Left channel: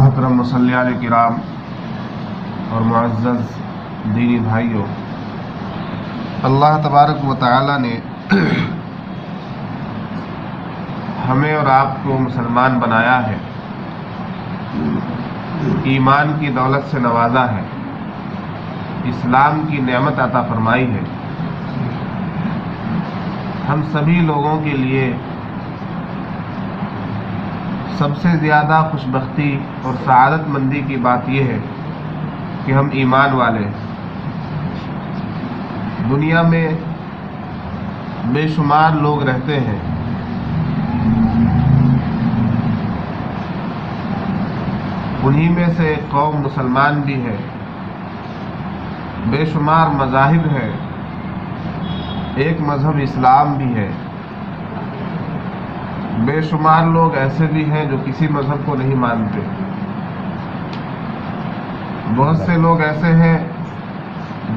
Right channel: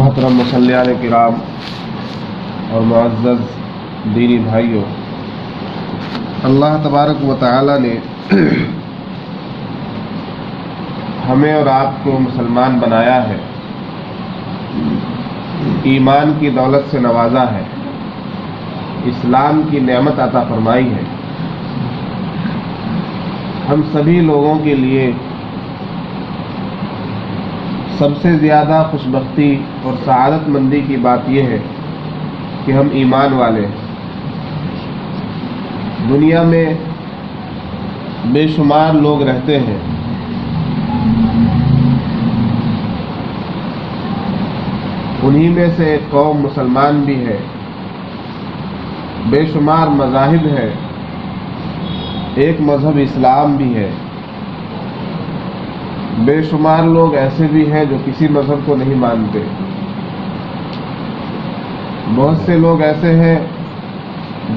محترم مسلیان کرام اور معزز دینی بھائیوں، اللہ تبارک و تعالی نے ہمیں اور آپ کو مسلمان بنایا ہے، ایمان کی دولت سے نوازا ہے، اسلام کی نعمت عطا فرمائی ہے۔ ہم سبھی لوگوں کے لیے سب سے زیادہ خوش بختی اور سعادت مندی کی بات یہ ہے کہ ہم ایمان والے ہیں۔ دنیا میں بے شمار لوگ رہتے ہیں، انہی میں سے ایک قوم مسلمان بھی ہے، بے شمار مذاہب ہے، ایک مذہب اسلام بھی ہے، بے شمار لوگ ایسے بھی ہیں جو کسی مذہب کو نہیں مانتے، بہت سے لوگ ایسے ہیں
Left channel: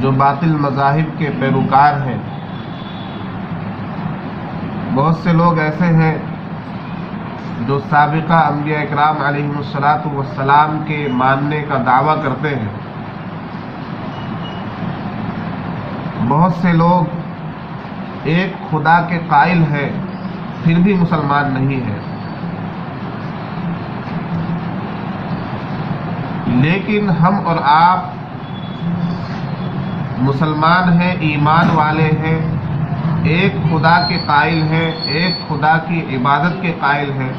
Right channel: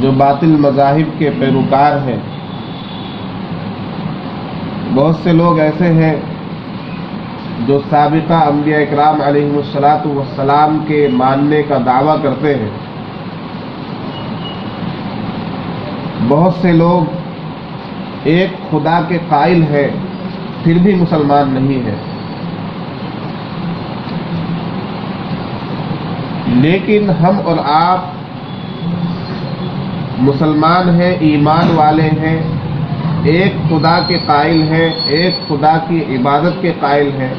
جو باطل مذاہب کے پیروکار ہیں، بہت سے لوگ ایسے ہیں جو سابقہ انبیاء اکرام علیہم الصلاۃ والسلام کے ماننے کا دعویٰ کرتے ہیں، بہت سے لوگ ایک خدا کے قائل ہیں پھر بھی مسلمان نہیں ہے۔ لیکن ہم اور آپ مسلمان ہیں، ایمان والے ہیں، ایک خدا کے قائل ہیں، ایک خدا کی عبادت کے قائل ہیں،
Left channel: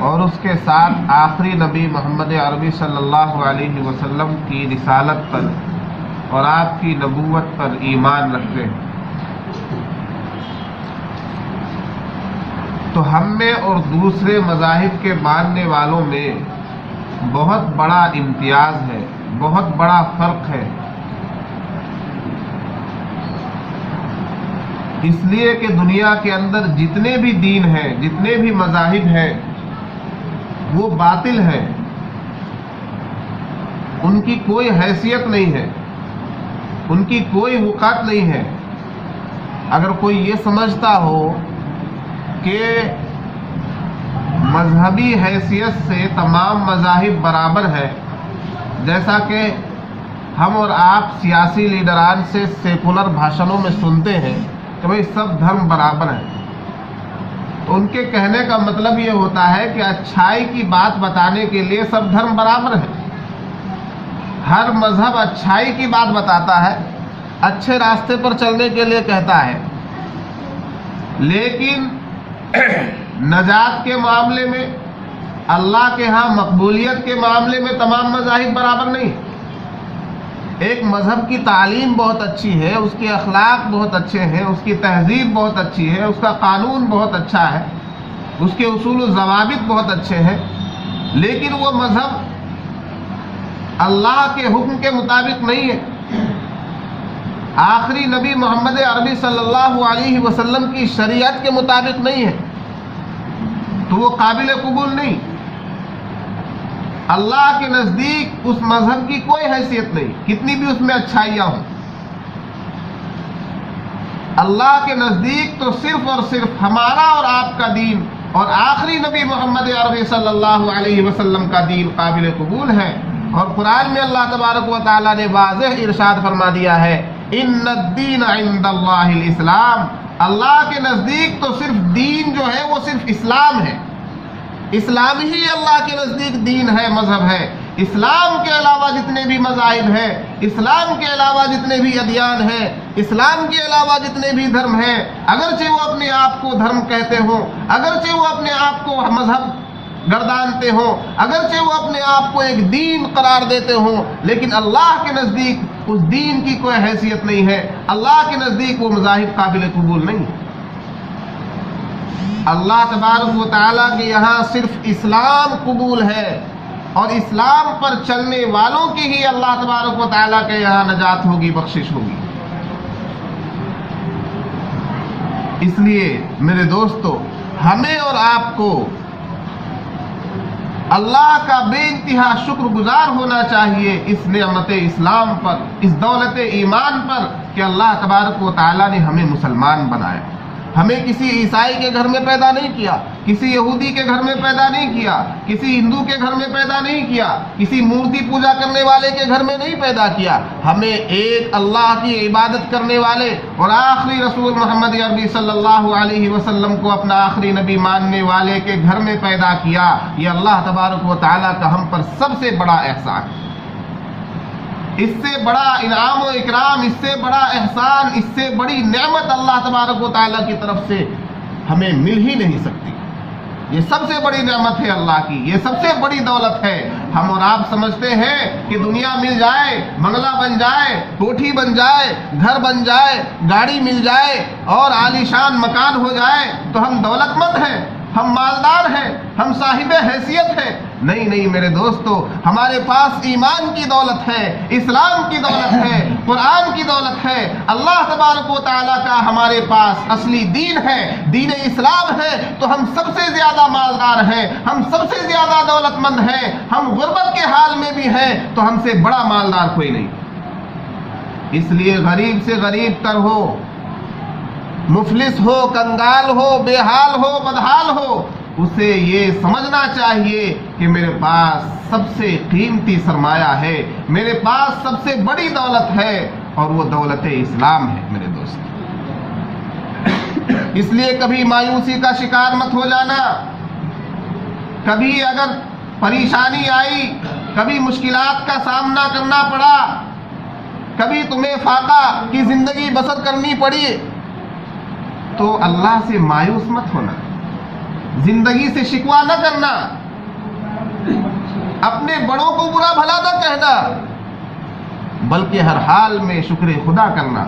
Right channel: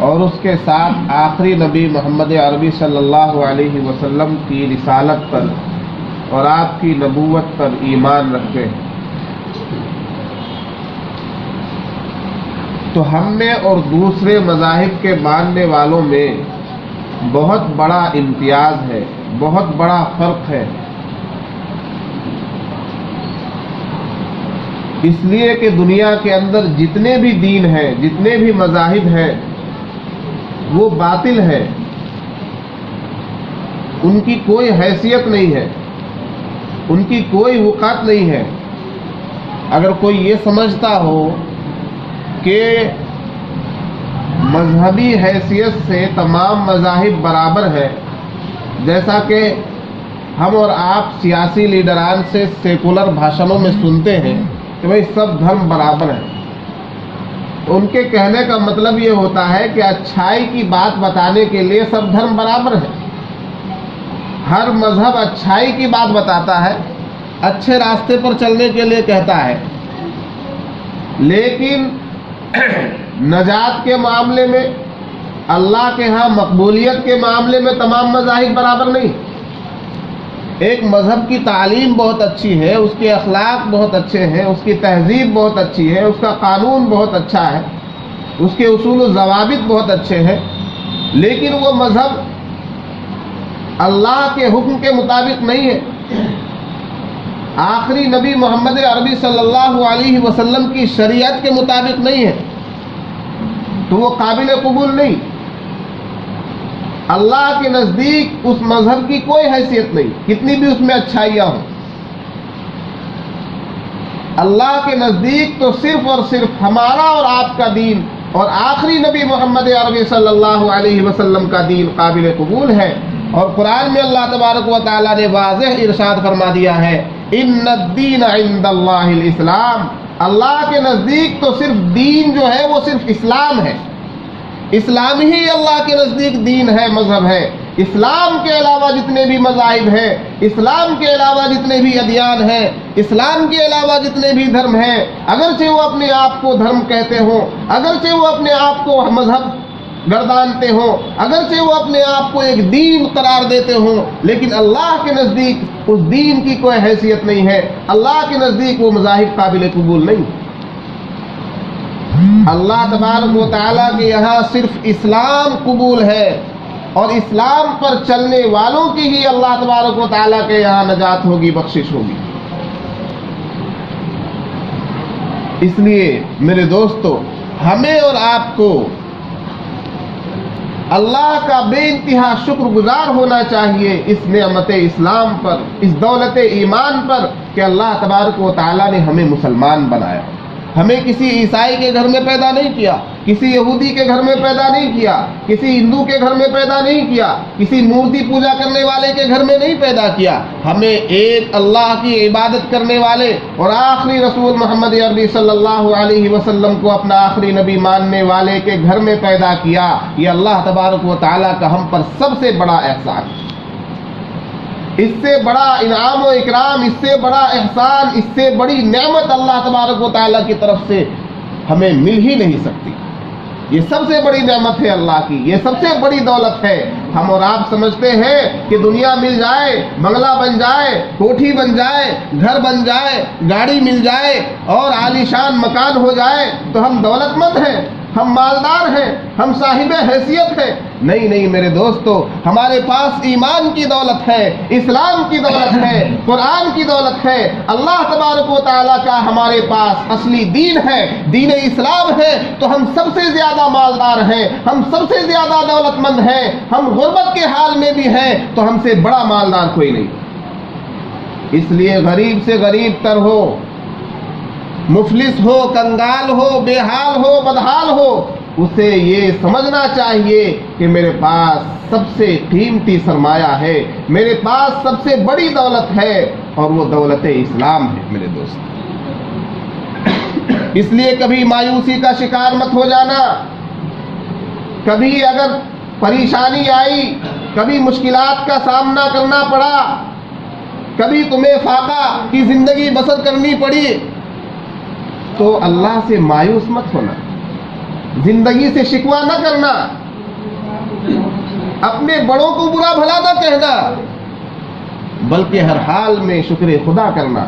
اور اس کے ساتھ آخری نبی محمد عربی صلی اللہ علیہ وسلم کی رسالت پر اور آپ کی نبوت پر ایمان رکھتے ہیں۔ تو ہم میں اور دوسرے مذاہب کے ماننے والوں میں بہت بڑا امتیاز ہے، بہت بڑا فرق ہے، اس لیے کہ دنیا کے اندر جتنے بھی دین ہیں، جتنے بھی مذاہب ہیں، وہ باطل ہیں، ان کی کوئی حیثیت نہیں ہے، ان کی کوئی وقعت نہیں ہے۔ اگر کوئی یہ سمجھتا ہو کہ مذہبی حیثیت سے تمام مذاہب برابر ہے، جیسا کہ ہم اور آپ سیاسی لیڈران سے سیکولر بھاشنوں میں سنتے ہیں کہ بھائی سب دھرم برابر ہیں، ان کے کہنے کا مطلب یہ ہوتا ہے کہ اچھائی کی بات بتانے کے لیے سب دھرم برابر ہیں، ہر مذہب اچھائی کی بات بتاتا ہے، اچھے راستے پر چلنے کے لیے کہتا ہے، لیکن نجات کے معاملے میں، اللہ کے ہاں مقبولیت کے معاملے میں تمام مذاہب برابر نہیں۔ ایک مذہب کی تعلیم بہت اچھی ہے، اس کے اخلاق بہت اچھے ہیں، اس کی تہذیب بہت اچھی ہے، اس کا قانون بہت اچھا ہے، اس کے اصول و ضوابط بہت اچھے ہیں، لیکن وہ مذہب اللہ کے حکم کے مطابق نہیں ہے، آخری نبی محمد عربی صلی اللہ علیہ وسلم کی شریعت کے مطابق نہیں ہے، تو وہ قابل قبول نہیں۔ اللہ کے نزدیک اس مذہب کی کوئی حیثیت نہیں، کتنی بھی اس میں اچھائیاں ہوں۔ اللہ کے نزدیک تو صرف اور صرف ہمارا اور آپ کا دین اور آخری نبی محمد عربی صلی اللہ علیہ وسلم کا دین قابل قبول ہے۔ اور قرآن میں اللہ تبارک و تعالیٰ نے واضح ارشاد فرما دیا ہے، ان الدین عند اللہ الاسلام، اللہ کے نزدیک تو صرف دین جو ہے وہ صرف اسلام ہے، اسلام ہی اللہ کے نزدیک دین ہے، مذہب ہے۔ اسلام کے علاوہ جتنے بھی مذاہب ہیں، اسلام کے علاوہ جتنے بھی ادیان ہیں، اسلام کے علاوہ جتنے بھی دھرم ہیں، اگرچہ وہ اپنے آپ کو دھرم کہتے ہوں، اگرچہ وہ اپنے آپ کو مذہب گردانتے ہوں، اگرچہ وہ اپنے آپ کو ایک دین قرار دیتے ہوں، لیکن اللہ کے نزدیک اس دین کی کوئی حیثیت نہیں ہے، اللہ کے نزدیک وہ مذاہب قابل قبول نہیں۔ اللہ تبارک و تعالیٰ کے یہاں صرف اسلام قبول ہے، اور اسلام پر چلنے والوں کی ہی اللہ تبارک و تعالیٰ کے یہاں نجات ہوگی، بخشش ہوگی۔ اس لیے میرے دوستو، ہمیں اور آپ کو اللہ کا بے انتہا شکر گزار ہونا چاہیے اس نعمت اسلام پر، اس دولت ایمان پر کہ اللہ تبارک و تعالیٰ نے ہمیں مسلمان بنایا۔ ہمیں کسی عیسائی کے گھر میں پیدا نہیں کیا، کسی یہودی کے گھر میں پیدا نہیں کیا، کسی ہندو کے گھر میں پیدا نہیں کیا، کسی مورتی پوجا کرنے والے کے گھر میں نہیں پیدا کیا. ہمیں ایک اللہ کی عبادت کرنے والے اور آخری رسول محمد عربی صلی اللہ علیہ وسلم کو اپنا آخری نبی ماننے والے کے گھر میں پیدا کیا. یہ اللہ تبارک و تعالیٰ کا ہم پر سب سے بڑا احسان ہے. اس سے بڑا انعام و اکرام، اس سے بڑا احسان، اس سے بڑی نعمت اللہ تبارک و تعالیٰ کی طرف سے ہمیں مل ہی نہیں سکتی. یہ سب سے بڑی نعمت ہے اللہ کی، یہ سب سے بڑی دولت ہے. ہم اور آپ سمجھتے ہیں کہ دنیا مل جائے، بنگلہ بن جائے، کوٹھی بن جائے، گھر بن جائے، گاڑی مل جائے اور عالیشان مکان ہو جائے تو ہم دولت مند ہیں، ہم مالدار ہیں، ہم صاحب حیثیت ہیں. نہیں نہیں میرے دوستو، ہمارے پاس ایمان کی دولت ہے، اسلام کی دولت ہے، قرآن کی دولت ہے. اللہ تبارک و تعالیٰ کا ہمارے پاس اصلی دین ہے، دین اسلام ہے. تو ہم سب سے زیادہ مالدار ہیں، ہم سب سے زیادہ دولت مند ہیں. ہم غربت کے حال میں بھی ہیں تو ہم سے بڑا مالدار کوئی نہیں. اس لیے غریب سے غریب تر ہو، مفلس ہو، کنگال ہو، بے حال ہو، بدحال ہو، اسے یہ سمجھنا چاہیے کہ میرے پاس سب سے قیمتی سرمایہ ہے، میرے پاس سب سے بڑی دولت ہے اور وہ دولت اسلام ہے. میرے دوست، اس لیے کبھی مایوسی کا شکار مت ہو جانا. کبھی اگر پریشانی آئی، کبھی مشکلات کا سامنا کرنا پڑا، کبھی تمہیں فاقہ کی زندگی بسر کرنی پڑی تو اللہ سے مایوس مت ہونا، زندگی سے شکوہ نہ کرنا، اپنے بڑوں کو برا بھلا نہ کہنا، بلکہ ہر حال میں شکر خدا کرنا،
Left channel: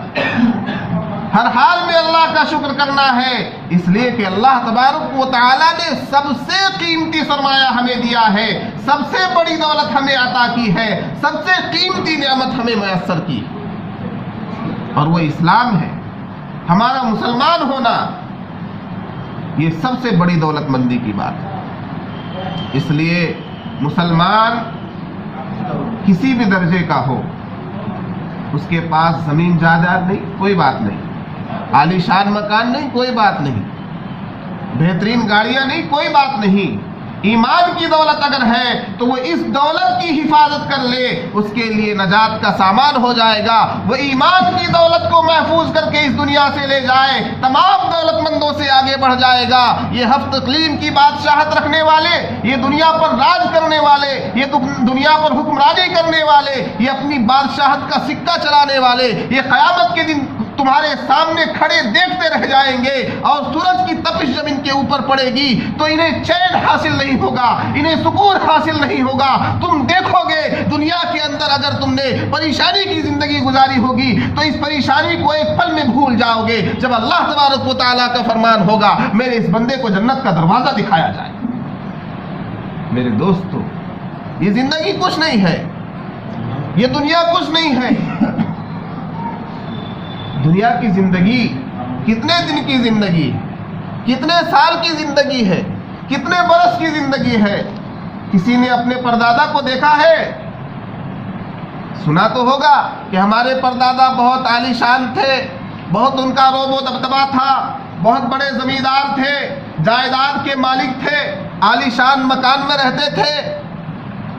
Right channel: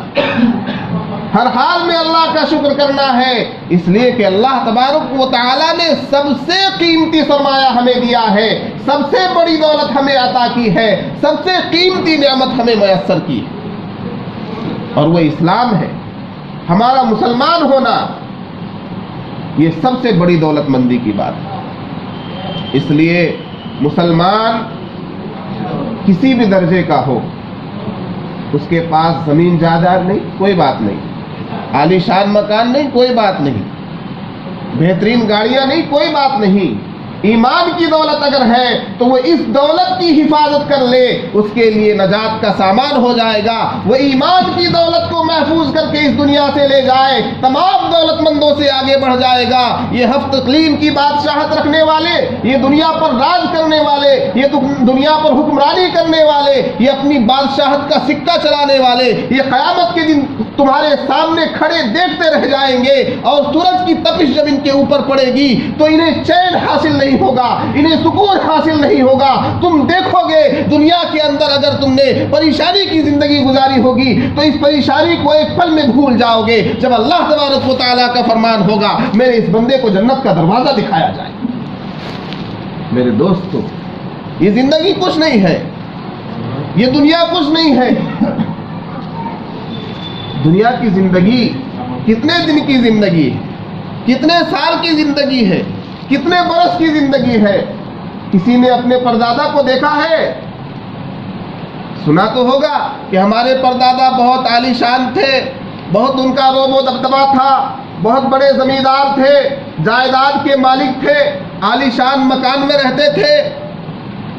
ہر حال میں اللہ کا شکر کرنا ہے. اس لیے کہ اللہ تبارک و تعالیٰ نے سب سے قیمتی سرمایہ ہمیں دیا ہے، سب سے بڑی دولت ہمیں عطا کی ہے، سب سے قیمتی نعمت ہمیں میسر کی اور وہ اسلام ہے. ہمارا مسلمان ہونا یہ سب سے بڑی دولت مندی کی بات ہے. اس لیے مسلمان کسی بھی درجے کا ہو، اس کے پاس زمین جائیداد نہیں، کوئی بات نہیں، عالی شان مکان نہیں، کوئی بات نہیں، بہترین گاڑیاں نہیں، کوئی بات نہیں. ایمان کی دولت اگر ہے تو وہ اس دولت کی حفاظت کر لے، اس کے لیے نجات کا سامان ہو جائے گا. وہ ایمان کی دولت کو محفوظ کر کے اس دنیا سے لے جائے، تمام دولت مندوں سے آگے بڑھ جائے گا. یہ ہفت اقلیم کی بادشاہت رکھنے والے، یہ دنیا پر راج کرنے والے، یہ دنیا پر حکمرانی کرنے والے، یہ اپنی بادشاہت کا سکہ چلانے والے، یہ قیامت کے دن تمہارے سامنے کھڑے دیکھتے رہ جائیں گے اور سورج کی تپش جب ان کے اوپر پڑے گی تو انہیں چین حاصل نہیں ہوگا، انہیں سکون حاصل نہیں ہوگا. تم دیکھو گے دنیا کے اندر اگر تم نے پریشانی کی زندگی گزاری ہوگی تو اس پریشانی کو ایک پل میں بھول جاؤ گے جب اللہ تبارک و تعالیٰ کا فرمان ہوگا میرے اس بندے کو جنت کا دروازہ دکھایا جائے. میرے دوستو، یہ زندگی کچھ نہیں ہے، یہ دنیا کچھ نہیں ہے. دنیا کی زندگی کتنے دن کی زندگی ہے، کتنے سال کی زندگی ہے، کتنے برس کی زندگی ہے. کسی نے اپنے پردادا کو دیکھا ہے؟ سنا تو ہوگا کہ ہمارے پردادا بہت عالی شان تھے، بہت ان کا روب و دبدبا تھا، بہت بڑے زمیندار تھے، جائیداد کے مالک تھے، عالی شان مکان میں رہتے تھے،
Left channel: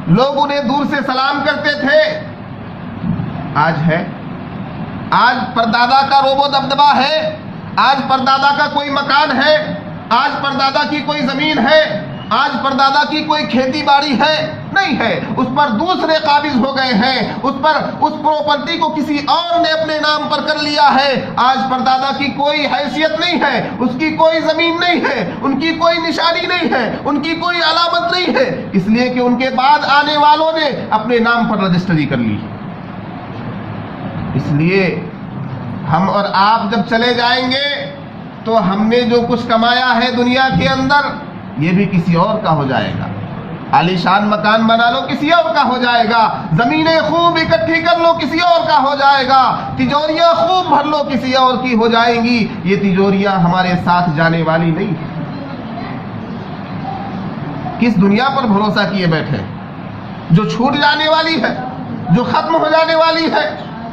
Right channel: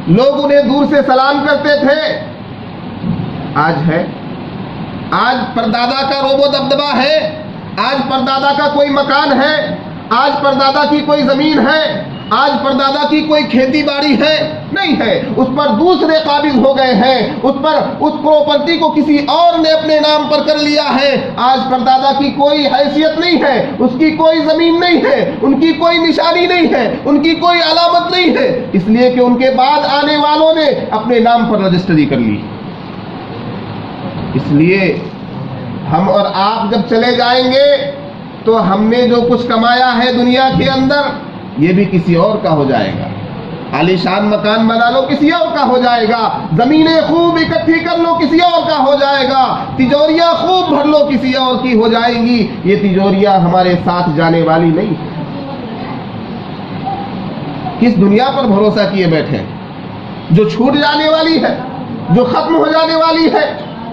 لوگ انہیں دور سے سلام کرتے تھے. آج ہے؟ آج پردادا کا روب و دبدبا ہے؟ آج پردادا کا کوئی مکان ہے؟ آج پردادا کی کوئی زمین ہے؟ آج پردادا کی کوئی کھیتی باڑی ہے؟ نہیں ہے. اس پر دوسرے قابض ہو گئے ہیں، اس پراپرٹی کو کسی اور نے اپنے نام پر کر لیا ہے. آج پردادا کی کوئی حیثیت نہیں ہے، اس کی کوئی زمین نہیں ہے، ان کی کوئی نشانی نہیں ہے، ان کی کوئی علامت نہیں ہے، اس لیے کہ ان کے بعد آنے والوں نے اپنے نام پر رجسٹری کر لی. اس لیے ہم اور آپ جب چلے جائیں گے تو ہم نے جو کچھ کمایا ہے دنیا کے اندر یہ بھی کسی اور کا ہو جائے گا. عالی شان مکان بنا لو کسی اور کا ہو جائے گا، زمینیں خوب اکٹھی کر لو کسی اور کا ہو جائے گا، تجوریاں خوب بھر لو کسی اور کی ہو جائیں گی. یہ تجوریاں ہمارے ساتھ جانے والی نہیں. کس دنیا پر بھروسہ کیے بیٹھے جو چھوٹ جانے والی ہے، جو ختم ہو جانے والی ہے،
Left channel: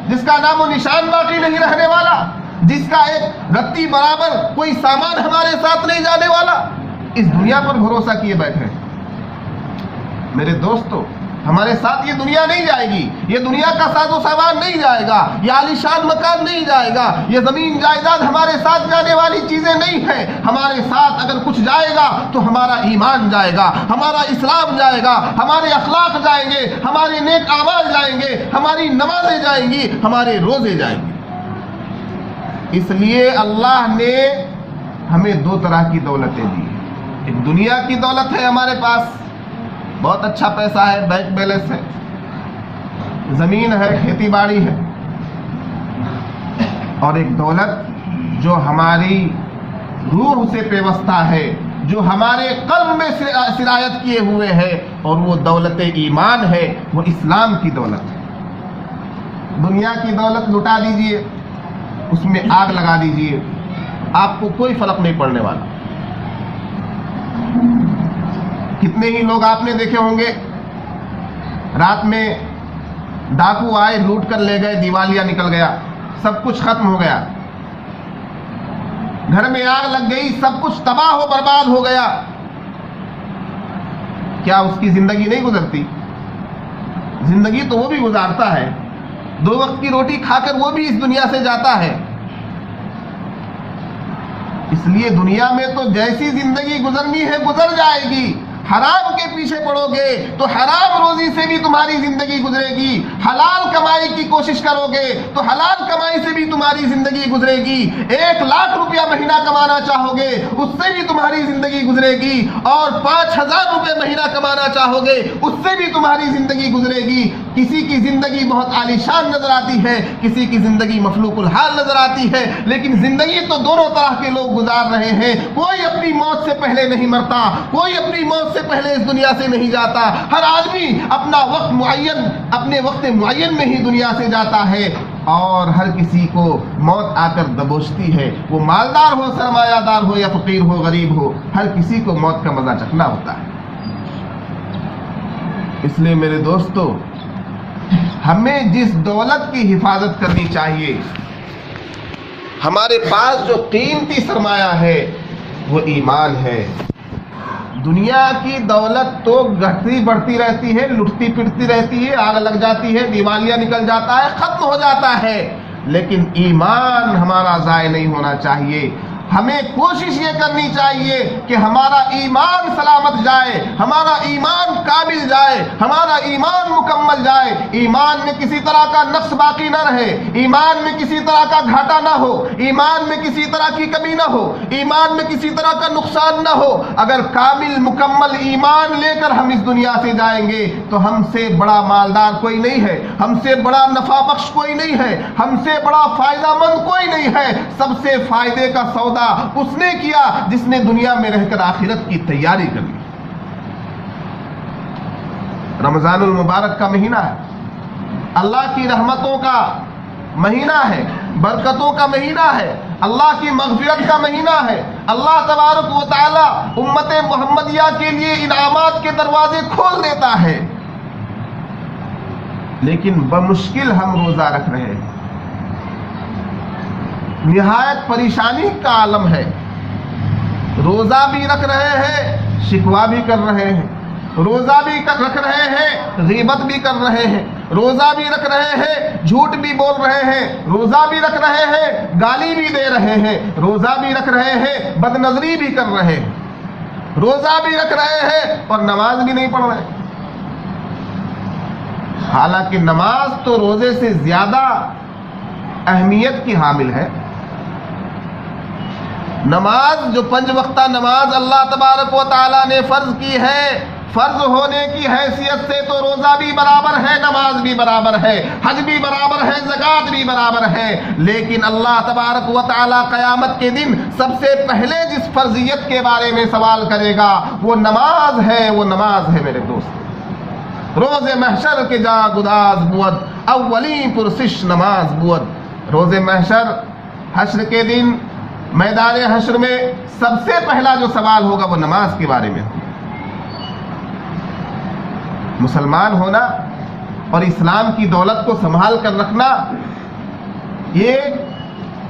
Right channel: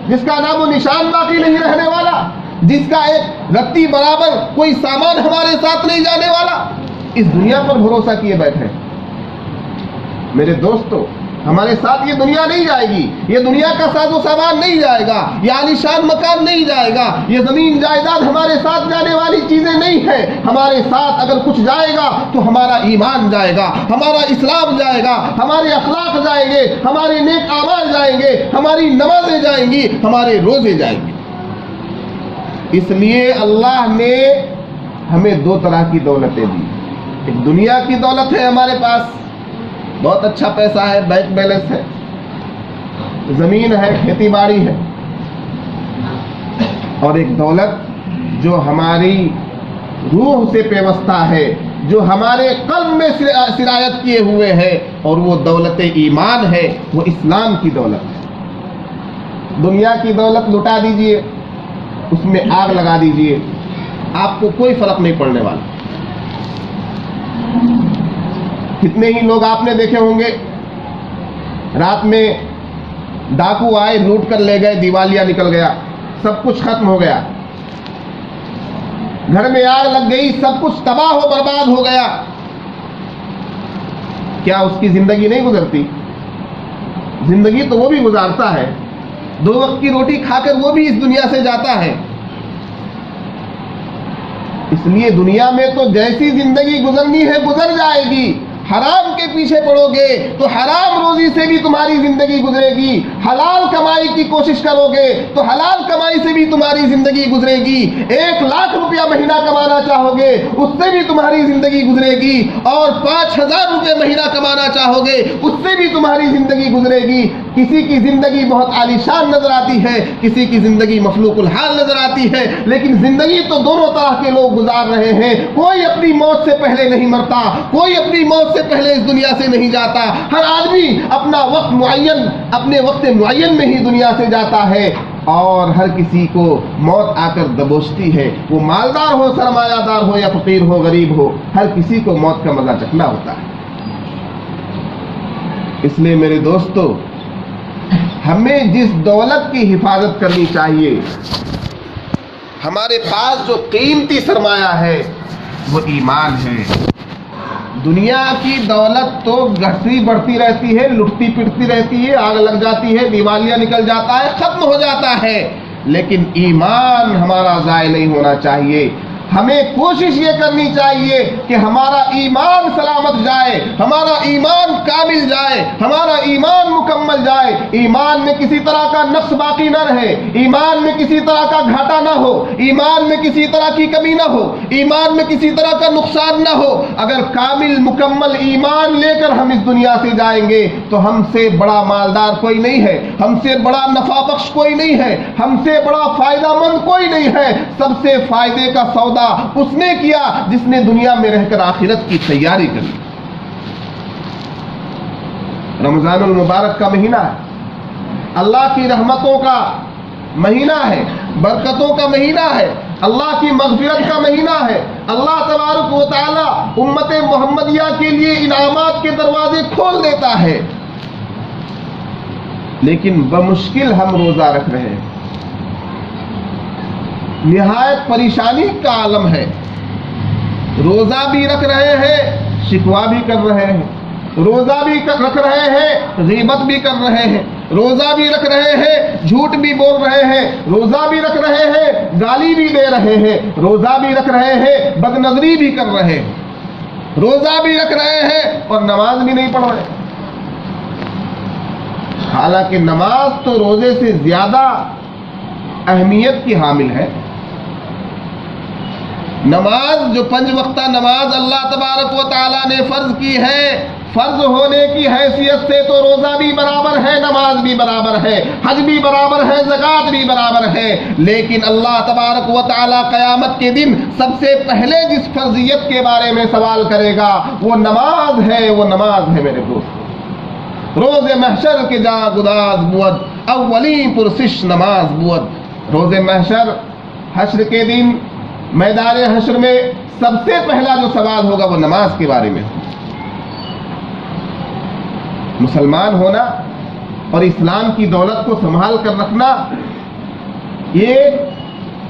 جس کا نام و نشان باقی نہیں رہنے والا. جس کا ایک رتی برابر کوئی سامان ہمارے ساتھ نہیں جانے والا، اس دنیا پر بھروسہ کیے بیٹھے۔ میرے دوستو، ہمارے ساتھ یہ دنیا نہیں جائے گی، یہ دنیا کا ساز و سامان نہیں جائے گا، یہ عالیشان مکان نہیں جائے گا، یہ زمین جائیداد ہمارے ساتھ جانے والی چیزیں نہیں ہیں۔ ہمارے ساتھ اگر کچھ جائے گا تو ہمارا ایمان جائے گا، ہمارا اسلام جائے گا، ہمارے اخلاق جائیں گے، ہمارے نیک اعمال جائیں گے، ہماری نمازیں جائیں گی، ہمارے روزے جائیں گے۔ اس لیے اللہ نے ہمیں دو طرح کی دولتیں دی۔ ایک دنیا کی دولت ہے، ہمارے پاس بہت اچھا پیسہ ہے، بینک بیلنس ہے، زمین ہے، کھیتی باڑی ہے، اور ایک دولت جو ہماری روح سے پیوستہ ہے، جو ہمارے قلب میں سرایت کیے ہوئے ہے، اور وہ دولت ایمان ہے، وہ اسلام کی دولت ہے۔ دنیا کی دولت لٹا دیجئے، اس میں آگ لگا دیجئے، آپ کو کوئی فرق نہیں پڑنے والا۔ کتنے ہی لوگ آپ نے دیکھے ہوں گے، رات میں ڈاکو آئے، لوٹ کر لے گئے، دیوالیہ نکل گیا، سب کچھ ختم ہو گیا، گھر میں آگ لگ گئی، سب کچھ تباہ و برباد ہو گیا۔ کیا اس کی زندگی نہیں گزرتی؟ زندگی تو وہ بھی گزارتا ہے، 2 وقت کی روٹی کھا کر وہ بھی اس دنیا سے جاتا ہے۔ اس لیے دنیا میں تو جیسی زندگی گزرنی ہے گزر جائے گی۔ حرام کے پیچھے پڑو گے تو حرام روزی سے بھی تمہاری زندگی گزرے گی، حلال کمائی کی کوشش کرو گے تو حلال کمائی سے بھی تمہاری زندگی گزرے گی۔ 1 لاکھ روپیہ مہینہ کمانا چاہو گے، اس سے بھی تمہاری زندگی گزرے گی، اور 5000 روپے مہینہ کمانا چاہو گے، اس سے بھی تمہاری زندگی گزرے گی۔ کسی کی زندگی بہت عالیشان نظر آتی ہے، کسی کی زندگی مخلوق الحال نظر آتی ہے، لیکن زندگی تو دونوں طرح کے لوگ گزار رہے ہیں۔ کوئی اپنی موت سے پہلے نہیں مرتا، کوئی اپنی موت سے پہلے اس دنیا سے نہیں جاتا۔ ہر آدمی اپنا وقت معین، اپنے وقت معین میں ہی دنیا سے جاتا ہے، اور ہر کسی کو موت آ کر دبوچتی ہے۔ وہ مالدار ہو، سرمایہ دار ہو، یا فقیر ہو، غریب ہو، ہر کسی کو موت کا مزہ چکھنا ہوتا ہے۔ اس لیے میرے دوستو، ہمیں جس دولت کی حفاظت کرنی چاہیے، ہمارے پاس جو قیمتی سرمایہ ہے وہ ایمان ہے۔ دنیا کی دولت تو گھٹتی بڑھتی رہتی ہے، لٹتی پٹتی رہتی ہے، آگ لگ جاتی ہے، دیوالیہ نکل جاتا ہے، ختم ہو جاتا ہے، لیکن ایمان ہمارا ضائع نہیں ہونا چاہیے۔ ہمیں کوشش یہ کرنی چاہیے کہ ہمارا ایمان سلامت جائے، ہمارا ایمان کامل جائے، ہمارا ایمان مکمل جائے، ایمان میں کسی طرح کا نقص باقی نہ رہے، ایمان میں کسی طرح کا گھاٹا نہ ہو، ایمان میں کسی طرح کی کمی نہ ہو، ایمان میں کسی طرح کا نقصان نہ ہو۔ اگر کامل مکمل ایمان لے کر ہم اس دنیا سے جائیں گے تو ہم سے بڑا مالدار کوئی نہیں ہے، ہم سے بڑا نفع بخش کوئی نہیں ہے، ہم سے بڑا فائدہ مند کوئی نہیں ہے۔ سب سے فائدے کا سودا اس نے کیا جس نے دنیا میں رہ کر آخرت کی تیاری کر لی۔ رمضان المبارک کا مہینہ ہے، اللہ کی رحمتوں کا مہینہ ہے، برکتوں کا مہینہ ہے، اللہ کی مغفرت کا مہینہ ہے۔ اللہ تبارک و تعالی امت محمدیہ کے لیے انعامات کے دروازے کھول دیتا ہے، لیکن بمشکل ہم روزہ رکھ رہے ہیں۔ نہایت پریشانی کا عالم ہے، روزہ بھی رکھ رہے ہیں، شکوہ بھی کر رہے ہیں، روزہ بھی رکھ رہے ہیں، غیبت بھی کر رہے ہیں، روزہ بھی رکھ رہے ہیں، جھوٹ بھی بول رہے ہیں، روزہ بھی رکھ رہے ہیں، گالی بھی دے رہے ہیں، روزہ بھی رکھ رہے ہیں، بد نظری بھی کر رہے ہیں، روزہ بھی رکھ رہے ہیں اور نماز بھی نہیں پڑھ رہے۔ حالانکہ نماز تو روزے سے زیادہ اہمیت کی حامل ہے۔ نماز جو 5 وقتہ نماز اللہ تبارک و تعالیٰ نے فرض کی ہے، فرض ہونے کی حیثیت سے تو روزہ بھی برابر ہے، نماز بھی برابر ہے، حج بھی برابر ہے، زکوٰۃ بھی برابر ہے، لیکن اللہ تبارک و تعالیٰ قیامت کے دن سب سے پہلے جس فرضیت کے بارے میں سوال کرے گا وہ نماز ہے، وہ نماز ہے میرے دوست۔ روز محشر کے جا گداز بود، اولی پرسش نماز بود۔ روز محشر، حشر کے دن، میدان حشر میں سب سے پہلا جو سوال ہوگا وہ نماز کے بارے میں۔ مسلمان ہونا اور اسلام کی دولت کو سنبھال کر رکھنا یہ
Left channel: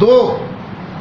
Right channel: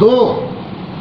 2,